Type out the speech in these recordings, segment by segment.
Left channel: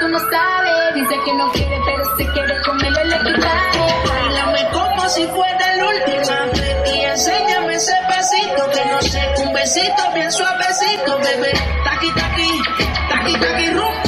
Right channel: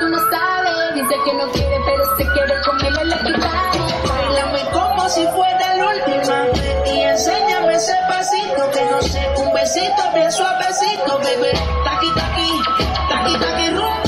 tú no sabes. Dice que no quiere, pero se quiere comerle la equipaje. Bailame como si fuera la última vez y enséñame ese pasito que no sé, un besito bien suavecito, bebé. Taqui, taqui, taqui, taqui, rumba.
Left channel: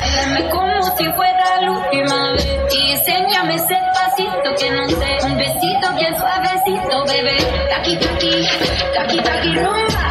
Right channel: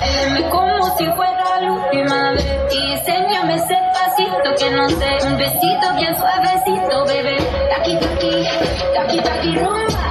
Bailame como si fuera la última vez y enséñame ese pasito que no sé, un besito bien suavecito, bebé. Taqui, taqui, taqui, taqui, rumba.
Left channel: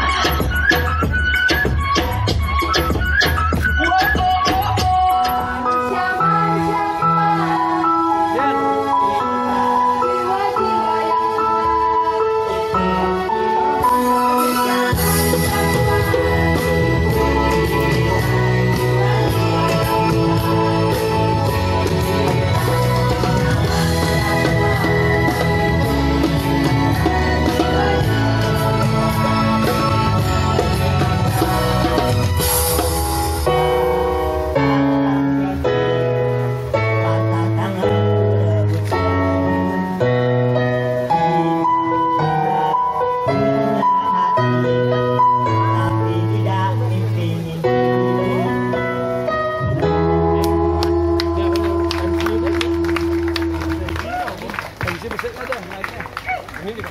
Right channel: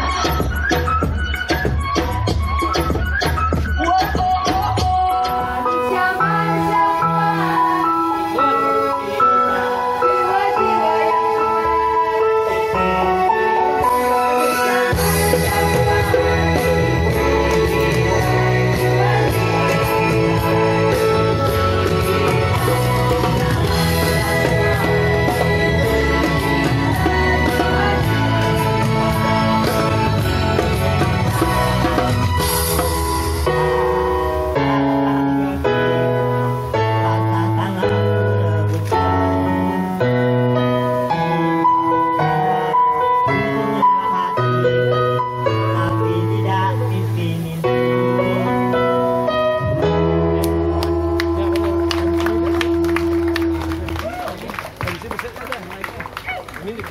Ini